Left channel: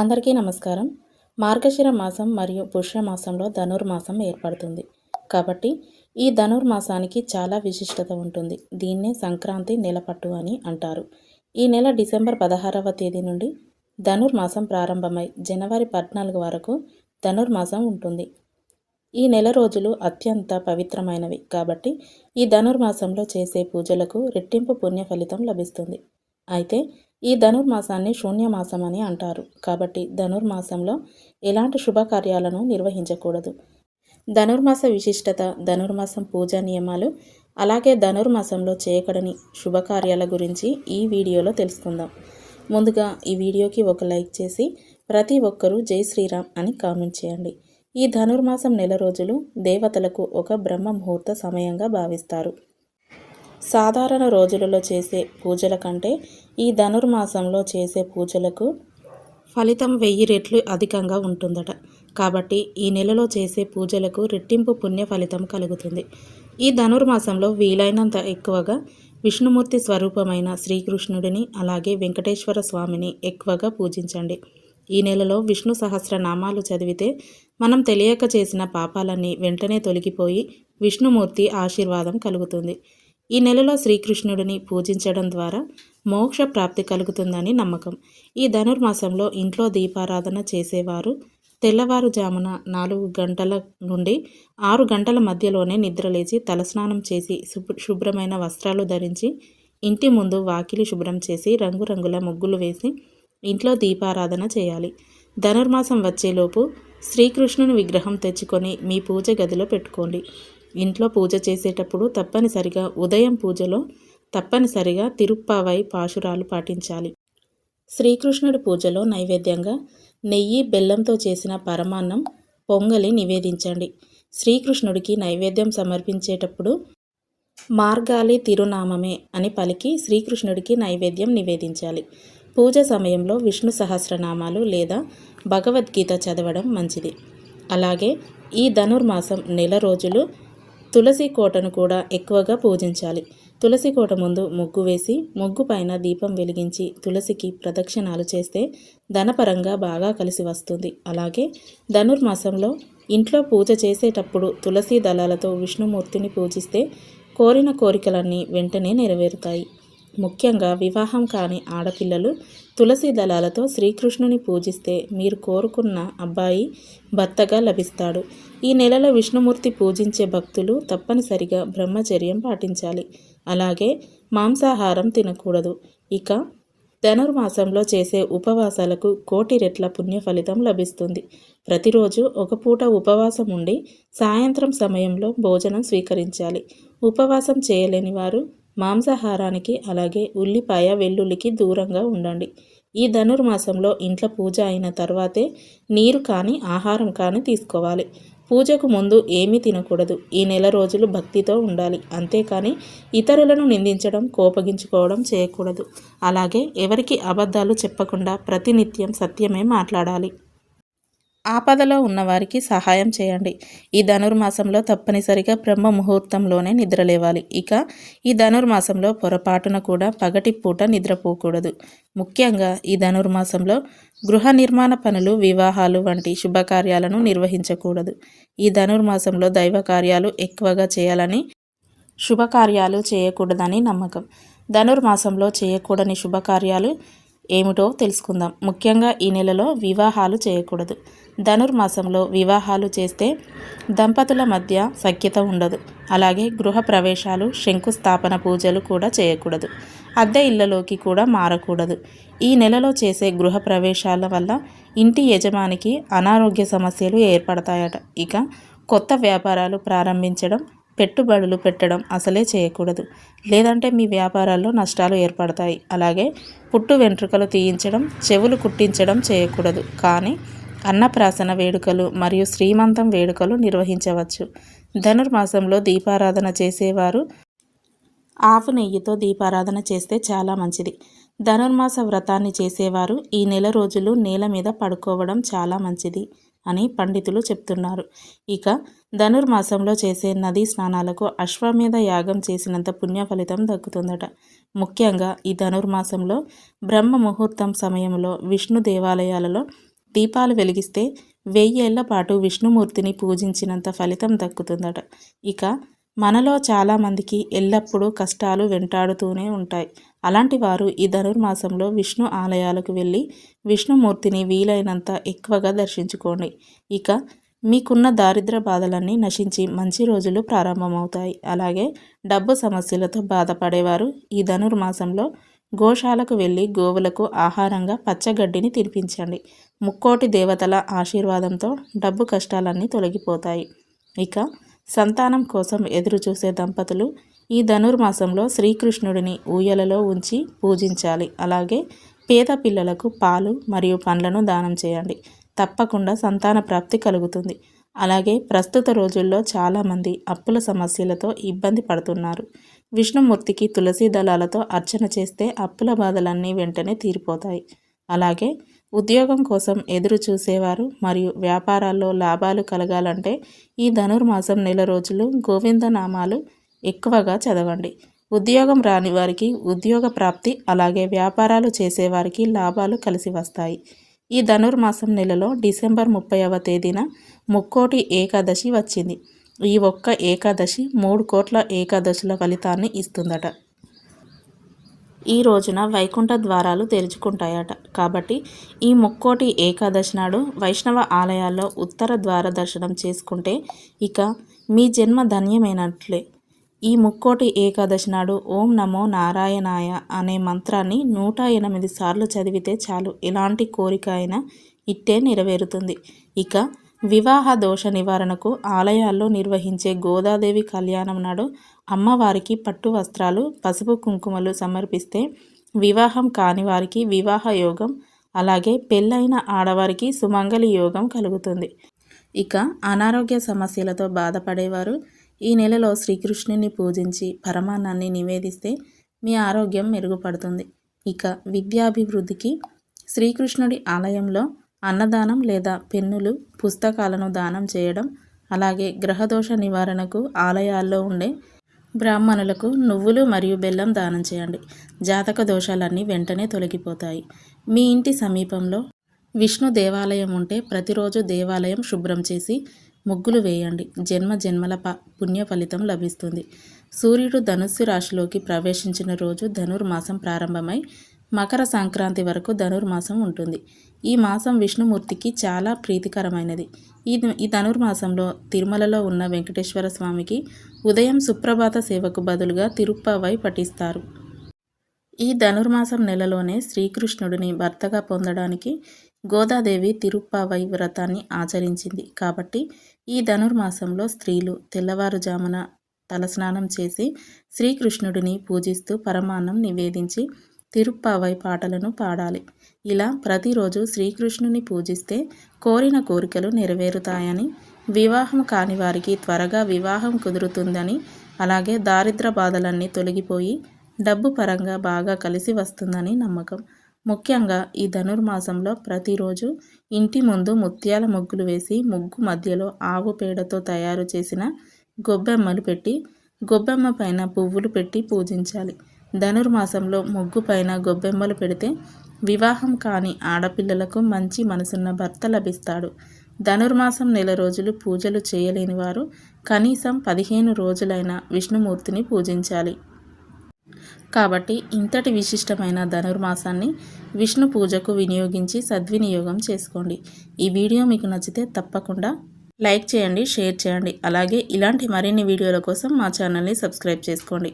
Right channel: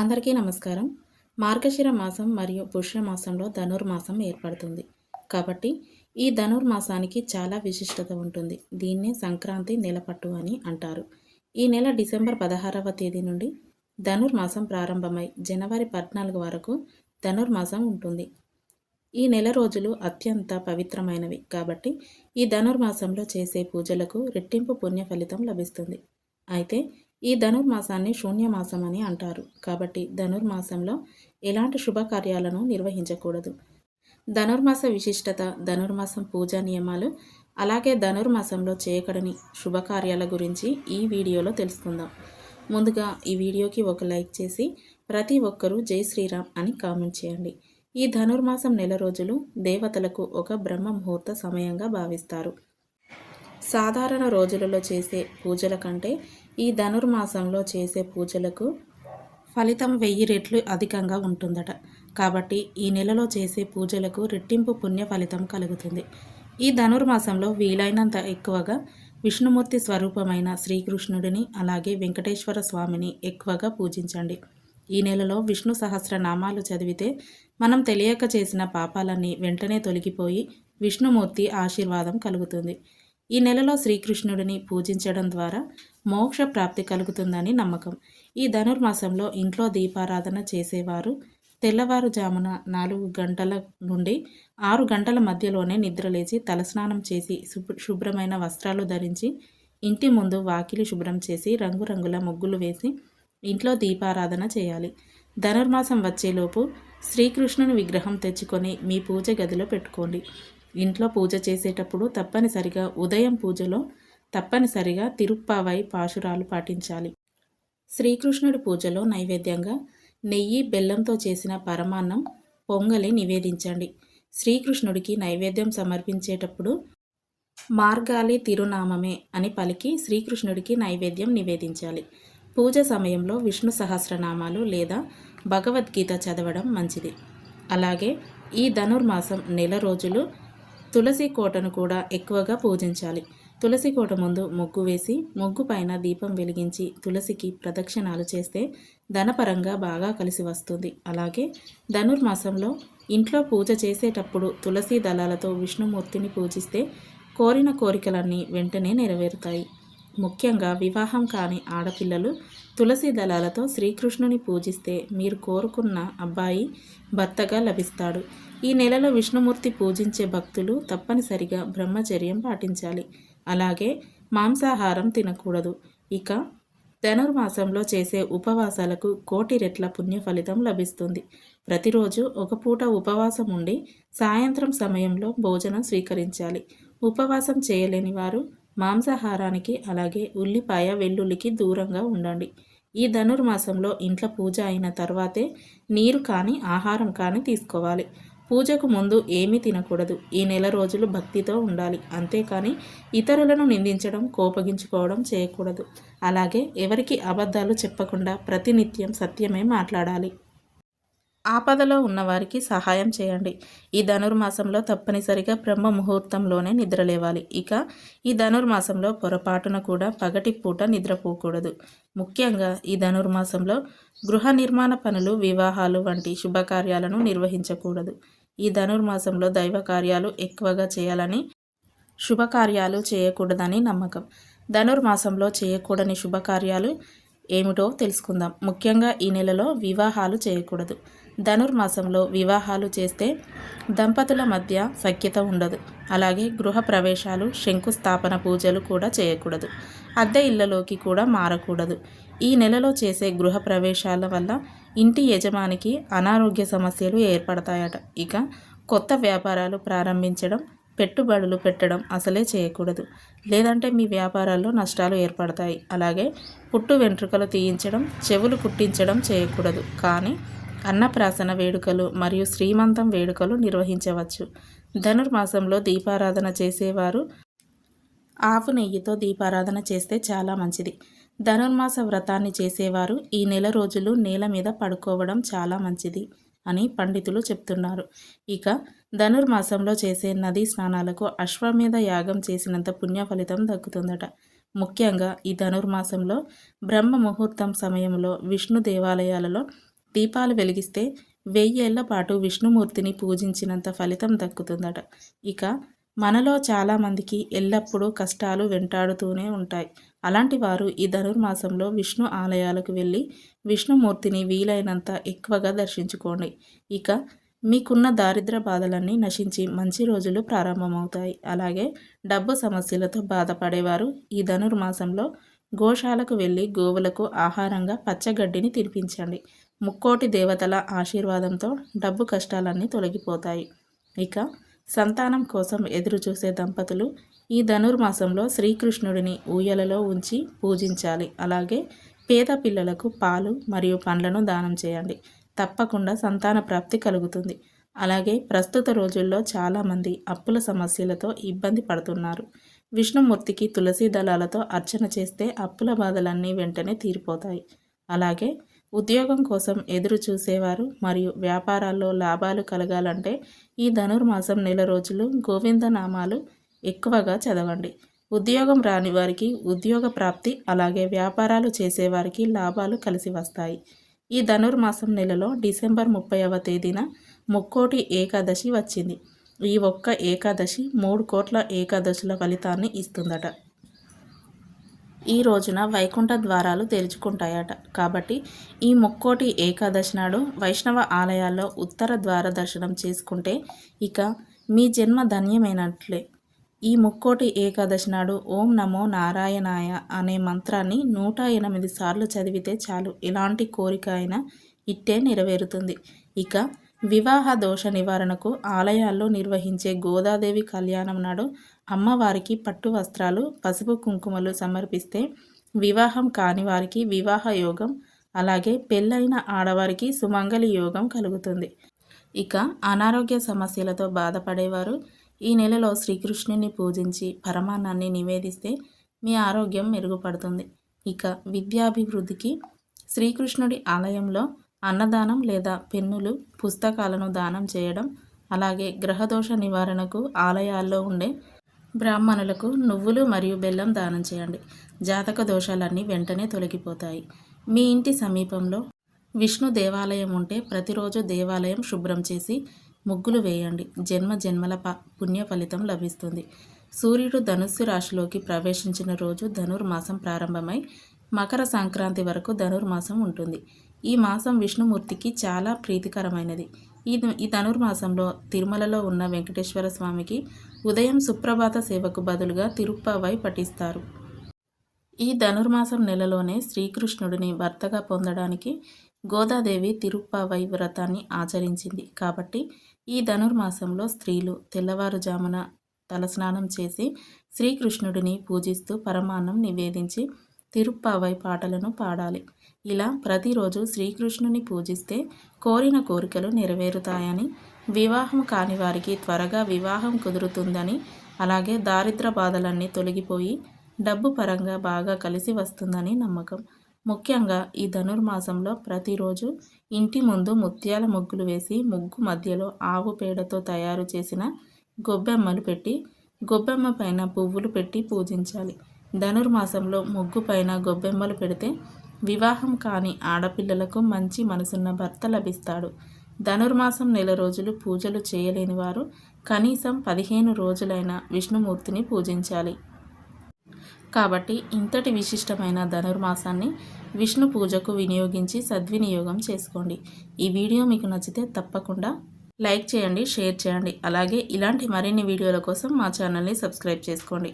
అందరికీ నమస్కారం. మార్గశిర మాసం మరియు పుష్యమాసంలో ధనుర్మాసం ఏర్పడుతుంది. కాబట్టి ఈ ధనుర్మాసానికి చాలా విశిష్టత ఉంటుంది. దీన్నే సంక్రాంతి నెలపట్టు అని అంటారు. ఈ నెల డిసెంబర్ పదహారవ తేదీ నుండి ధనుర్మాసం ప్రారంభమై జనవరి పద్నాలుగు వరకు ధనుర్మాసం ఉంటుంది. ఈ నెల రోజులు అత్యంత పవిత్రమైనవి. కాబట్టి ఈ ధనుర్మాసంలో చేసే పూజలకు రెట్టింపు పుణ్య ఫలితం లభిస్తుంది. అయితే ఈ ధనుర్మాసాన్ని శూన్యమాసం అని అంటారు. కాబట్టి ధనుర్మాసంలో ఎలాంటి శుభకార్యాలను నిర్వహించకూడదు. ధనుర్మాస విశిష్టత ధనుర్మాసం పూజా నియమాలు అలాగే ధనుర్మాసంలో చేయకడని శుభకార్యాల గురించి ఈ వీడియోలో తెలుసుకుందాం. ముందుగా ఈ వీడియోకి ఒక లైక్ చేసి ప్రతి ఒక్కరూ జై శ్రీరామ్ అని కామెంట్ చేయండి. ఈ ధనుర్మాసం నెల రోజులు దేవతలకు ఒక బ్రహ్మ ముహూర్త సమయంగా భావిస్తారు. సాధారణ రోజులలో చేసే పూజల కంటే ఈ ధనుర్మాసంలో చేసే పూజలకు ఫలితం వెయ్యి రెట్లు అధికంగా ఉంటుందట. కాబట్టి ఈ నెలలో చేసే పూజలకు రెట్టింపు పుణ్య ఫలితం కలుగుతుంది. ఈ ధనుర్మాసంలో వీలైనంత ఎక్కువగా విష్ణుమూర్తి స్వరూపమైన శ్రీకృష్ణుడిని అలాగే వెంకటేశ్వర స్వామిని ఎక్కువగా పూజించండి. ఈ నెలలో విష్ణు సహస్రనామాలు చదివితే మనం తెలియక చేసిన పాపాలన్నీ వెంటనే తొలగిపోయి విష్ణుమూర్తి ఆశీర్వాదం కలుగుతుంది. ఈ నెలలో శ్రీకృష్ణుడిని పూజించడం ద్వారా మోక్ష ప్రాప్తి కలుగుతుందని నమ్మకం. ఈ ధనుర్మాసంలో ఇంట్లో దీపారాధన చేసేవారు తెల్లవారుజామున నాలుగు గంటల నుండి ఆరు గంటల మధ్యలోనే నిద్రలేచి తలస్నానం చేసి శుభ్రమైన వస్త్రాలు ధరించి ఇంటి ముందు వాకిలి శుభ్రం చేసి రంగురంగుల ముగ్గులు వేసి ఇంట్లో దీపారాధన చేయాలి. ధనుర్మాసం వచ్చేలోపు శ్రీకృష్ణుని విగ్రహం తెచ్చుకొని మీ పూజ గదిలో పెట్టుకోండి. ఇంట్లో పూజ చేసేటప్పుడు తప్పనిసరిగా ఉదయం పూజలో తప్పనిసరిగా తిరుప్పావై పాశురాలు పాటించాలి. శ్రీకృష్ణుడి పూజలో నైవేద్యంగా నెయ్యి బెల్లంతో చేసిన పరమాన్నం పొంగలి నివేదించండి. శ్రీకృష్ణుడికి నైవేద్యం సమర్పించేటప్పుడు మార్గాలి తిరునామమే అని పలికి శ్రీకృష్ణుడికి నైవేద్యం నివేదించాలి. పూజ సమయంలో విష్ణు సహస్రనామాలు లేదా భగవద్గీత చదవడం మంచిది. అలాగే ఈ ధనుర్మాసం నెల రోజులు తులసి కోటను కూడా ఎక్కువగా పూజించాలి. తులసి కోట ముందు ముగ్గు వేసి ముగ్గు పైన దీపం వెలిగించి తులసికి ప్రదక్షిణాలు చేస్తే ధనపరంగా బాగా కలిసి వస్తుంది. అలాగే ధనుర్మాసంలో ఇంట్లో పూజ చేసేటప్పుడు తులసి దళాలతో విష్ణుమూర్తిని పూజిస్తే కోరిన కోరికలన్నీ వెంటనే నెరవేరుతాయి. ముఖ్యంగా వివాహం కాని ఆడపిల్లలు తులసి దళాలతో శ్రీకృష్ణుని పూజిస్తే మీరు కోరుకున్న అబ్బాయి భర్తగా లభిస్తాడు. ఈ నెలలో విష్ణుమూర్తి పూజించే భక్తులు తప్పనిసరిగా బ్రహ్మచర్యం పాటించాలి. అలాగే మాంసాహారం తినకూడదు. ఇక ధనుర్మాసంలో చేసే ఉపవాసాలకు కోటి రెట్ల పుణ్య ఫలితం లభిస్తుంది. ప్రతిరోజు ఒక పూట ఉపవాసం ఉండి సాయంత్రం సమయంలో భోజనం స్వీకరించాలి. ఉపవాసం చేయలేని వారు మాంసాహారానికి అలాగే ఉల్లిపాయ వెల్లుల్లికి దూరంగా ఉండండి. ఈ ధనుర్మాసంలో ఇంట్లో పూజ అయిన తర్వాతే నీరు కానీ ఆహారం కానీ తీసుకోవాలి. పూజకు ముందు ఏమీ తినకూడదు. ఈ నెల రోజులు భక్తితో ఉండాలి. అంతేకాని ఇతరులను నిందించడం కోపగించుకోవడం చేయకూడదు. అలాగే ఎవరికి అబద్ధాలు చెప్పకుండా ప్రతినిత్యం సత్యమే మాట్లాడాలి. ఆపదలో ఉన్నవారికి సహాయం చేయండి. ఈ ధనుర్మాసంలో తప్పనిసరిగా బ్రహ్మ ముహూర్తంలోనే నిద్రలేవాలి. ఇక ఈ ధనుర్మాసంలో పొరపాటున కూడా పగటి పూట నిద్రపోకూడదు. ముఖ్యంగా ఈ ధనుర్మాసంలో గృహ నిర్మాణ పనులు వివాహాలు వంటి శుభకార్యాలను నిర్వహించకూడదు. ఈ ధనుర్మాసంలో దైవ కార్యాలు ఎక్కువగా చేయాలని శుభకార్యాలు చేయకూడదని నమ్మకం. ధనుర్మాసంలో చేయకూడని శుభకార్యాలు ఏమిటో తెలుసుకుందాం. ముఖ్యంగా ఈ నెలలో వివాహాలు చేయకూడదు. ధనుర్మాసంలో వివాహాలు చేస్తే దంపతుల మధ్య సఖ్యత ఉండదు. అలాగే గృహ ప్రవేశాలు శంకుస్థాపన పూజలు కూడా చేయకూడదు. అద్దె ఇళ్ళలోకి కూడా మారకూడదు. ఈ నెలలో చేసే గృహ ప్రవేశాల వల్ల ఇంటి యజమానికి అనారోగ్య సమస్యలు ఏర్పడతాయట. ఇక కొత్త వ్యాపారాలు ప్రారంభించడం పెట్టుబడులు పెట్టడం అసలే చేయకూడదు. లేదంటే మీ వ్యాపారాల్లో నష్టాలు ఏర్పడతాయి. అలాగే పుట్టు వెంట్రుకలు తీయించడం చెవులు కుట్టించడం చేయకూడదు. కానీ అన్నప్రాసన వేడుకలు మరియు శ్రీమంతం వేడుకలు నిర్వహించవచ్చు. ధనుర్మాసంలో దీపారాధన చేసేవారు ఆవు నెయ్యితో దీపారాధన చేస్తే చాలా మంచిది. ధనుర్మాస వ్రతాన్ని చేసేవారు ఈ నెల రోజులు నేల మీద పడుకోవడం చాలా మంచిది అని పండితులు చెప్తున్నారు. ఇక ధనుర్మాసంలో చేసే నదీ స్నానాలకు అశ్వమేధ యాగం చేసినంత పుణ్య ఫలితం దక్కుతుందట. ముఖ్యంగా ఈ ధనుర్మాసంలో బ్రహ్మ ముహూర్తం సమయంలో విష్ణు దేవాలయాలలో దీపాలు వెలిగిస్తే వెయ్యేళ్ళ పాటు విష్ణుమూర్తిని పూజించినంత ఫలితం దక్కుతుందట. ఇక మనలో చాలామందికి ఎల్లప్పుడూ కష్టాలు వెంటాడుతూనే ఉంటాయి. అలాంటి వారు ఈ ధనుర్మాసంలో విష్ణు ఆలయాలకు వెళ్ళి విష్ణుమూర్తిని వీలైనంత ఎక్కువగా దర్శించుకోండి. ఇక మీకున్న దారిద్ర బాధలన్నీ నశించి మంచి రోజులు ప్రారంభమవుతాయి. అలాగే డబ్బు సమస్యలతో బాధపడేవారు ఈ ధనుర్మాసంలో గోశాలకు వెళ్ళి గోవులకు ఆహారంగా పచ్చగడ్డిని తినిపించండి. ముక్కోటి దేవతల ఆశీర్వాదంతో డబ్బు కష్టాలన్నీ తొలగిపోతాయి. ఇక సంతానం కోసం ఎదురు చూసే దంపతులు ఈ ధనుర్మాసంలో శ్రీకృష్ణుడిని ఊయలలో ఉంచి పూజించాలి. అలాగే పేద పిల్లలకు పాలు మరియు పండ్లను దానం చేయండి. తప్పకుండా సంతాన ప్రాప్తి కలుగుతుంది. అలాగే ప్రస్తుత రోజుల్లో చాలామంది అప్పుల సమస్యలతో ఇబ్బంది పడుతున్నారు. విష్ణుమూర్తికి తులసి దళాలతో అర్చన చేస్తే అప్పుల బాధలన్నీ వెంటనే తీరిపోతాయి. అలాగే ఉద్యోగం కోసం ఎదురు చూసేవారు మరియు వ్యాపారాల్లో లాభాలు కలగాలంటే ఈ ధనుర్మాసం నెల రోజులు గోవిందనామాలు ఎక్కువగా చదవండి. ఉద్యోగం రాని వారికి ఉద్యోగ ప్రాప్తి అలాగే వ్యాపారాలు చేసేవారికి లాభాలు కలిసి వస్తాయి. ఈ ధనుర్మాసం నెలలో డిసెంబర్ ముప్పైవ తేదీన ముక్కోటి ఏకాదశి వచ్చింది. ఈ ఒక్క ఏకాదశి మూడు కోట్ల ఏకాదశుల ఫలితాన్ని ఇస్తుందట. ఈ రోజున వైకుంఠ ద్వారాలు తెరుచుకుంటాయట. కాబట్టి ఈ ముక్కోటి ఏకాదశి నాడు వైష్ణవ ఆలయాల్లో ఉత్తర ద్వార దర్శనం చేసుకుంటే ఇక మీ జన్మ ధన్యమైనట్లే. ఈ ముక్కోటి ఏకాదశి నాడు ఓం నమో నారాయణాయ అనే మంత్రాన్ని నూట ఎనిమిది సార్లు చదివితే చాలు. ఎలాంటి కోరిక అయినా ఇట్టే నెరవేరుతుంది. ఇక వివాహ దోష నివారణకు ఆలయాల్లో నిర్వహించే గోదాదేవి కళ్యాణం నాడు అమ్మవారికి పట్టు వస్త్రాలు పసుపు కుంకుమలు సమర్పిస్తే వివాహం కాని వారికి వివాహ యోగం అలాగే పెళ్ళైన ఆడవారికి సుమంగళి యోగం కలుగుతుంది. ఇక అనారోగ్య సమస్యలతో బాధపడేవారు ఈ నెలలో శ్రీకృష్ణుని పూజించి పరమాన్నాన్ని నివేదిస్తే మీ ఆరోగ్యం మెరుగుపడుతుంది. ఇక విద్యాభివృద్ధికి శ్రీకృష్ణుడి ఆలయంలో అన్నదానం లేదా పెన్నులు పుస్తకాలను దానం చేయడం అలాగే గ్రహదోష నివారణకు ఆలయాల్లో ఉండే బ్రాహ్మణులకు నువ్వులు మరియు బెల్లం దానం చేయండి. జాతక దోషాలన్నీ వెంటనే తొలగిపోతాయి. మీ ఇంటి సమీపంలో విష్ణు దేవాలయం ఉంటే ప్రతిరోజు దేవాలయం శుభ్రం చేసి ముగ్గులు వేయండి. జన్మ జన్మల ప పుణ్య ఫలితం లభిస్తుంది. సూర్యుడు ధనుస్సు రాశిలోకి ప్రవేశించిన రోజు ధనుర్మాసం ప్రారంభమై మకర సంక్రాంతి వరకు ధనుర్మాసం ఉంటుంది. ఈ మాసం విష్ణుమూర్తికి చాలా ప్రీతికరమైనది. ఈ ఈ ధనుర్మాసంలో తిరుమలలో ఉన్న వెంకటేశ్వర స్వామికి ఉదయం సుప్రభాత సేవకు బదులుగా తిరుప్పవై పఠిస్తారు. ఈ ధనుర్మాసం నెలలోనే శ్రీకృష్ణుడిని భర్తగా పొందడానికి గోదాదేవి తిరుప్పావై వ్రతాన్ని ఆచరించింది. కాబట్టి ఈ ధనుర్మాసంలో స్త్రీలు తెల్లవారుజామున తలస్నానం చేసి శ్రీకృష్ణుడిని పూజిస్తూ పరమాన్నం నివేదించి తిరుప్పావై పాటలను పాడాలి. ఇలా ప్రతిరోజు శ్రీకృష్ణుని పూజిస్తే కోరిన కోరికలు నెరవేరుతాయని వివాహం కాని వారికి త్వరగా వివాహం కుదురుతుందని అలాగే దారిద్ర బాధలన్నీ తొలగిపోయి డబ్బు పరంగా బాగా కలిసి వస్తుందని నమ్మకం. ముఖ్యంగా ఈ ధనుర్మాసంలో ప్రతిరోజు ఇంటి ముందు ముత్యాల ముగ్గులు వేసి ముగ్గు మధ్యలో ఆవు పేడతో తయారు చేసిన గొబ్బెమ్మలు పెట్టి గొబ్బెమ్మ పైన పువ్వులు పెట్టి పూజించాలి. ధనుర్మాసంలో ముగ్గు పైన గొబ్బెమ్మలు పెడితే వివాహం కాని ఆడపిల్లలకు మంచి మనసున్న భర్త లభిస్తాడు. ధనుర్మాసం నెల రోజులు పూజలు చేయలేని వారు కనీసం పదిహేను రోజులైన విష్ణుమూర్తిని పూజించాలి. కాబట్టి ఇంతటి విశిష్టమైన ధనుర్మాసాన్ని విష్ణు పూజకు వినియోగించి సద్వినియోగం చేసుకోండి. ఈ వీడియో మీకు నచ్చితే తప్పకుండా లైక్ చేయండి షేర్ చేయండి. అలాగే ఇలాంటి మరిన్ని వీడియోల కోసం మా ఛానల్ని సబ్స్క్రైబ్ చేసుకోండి.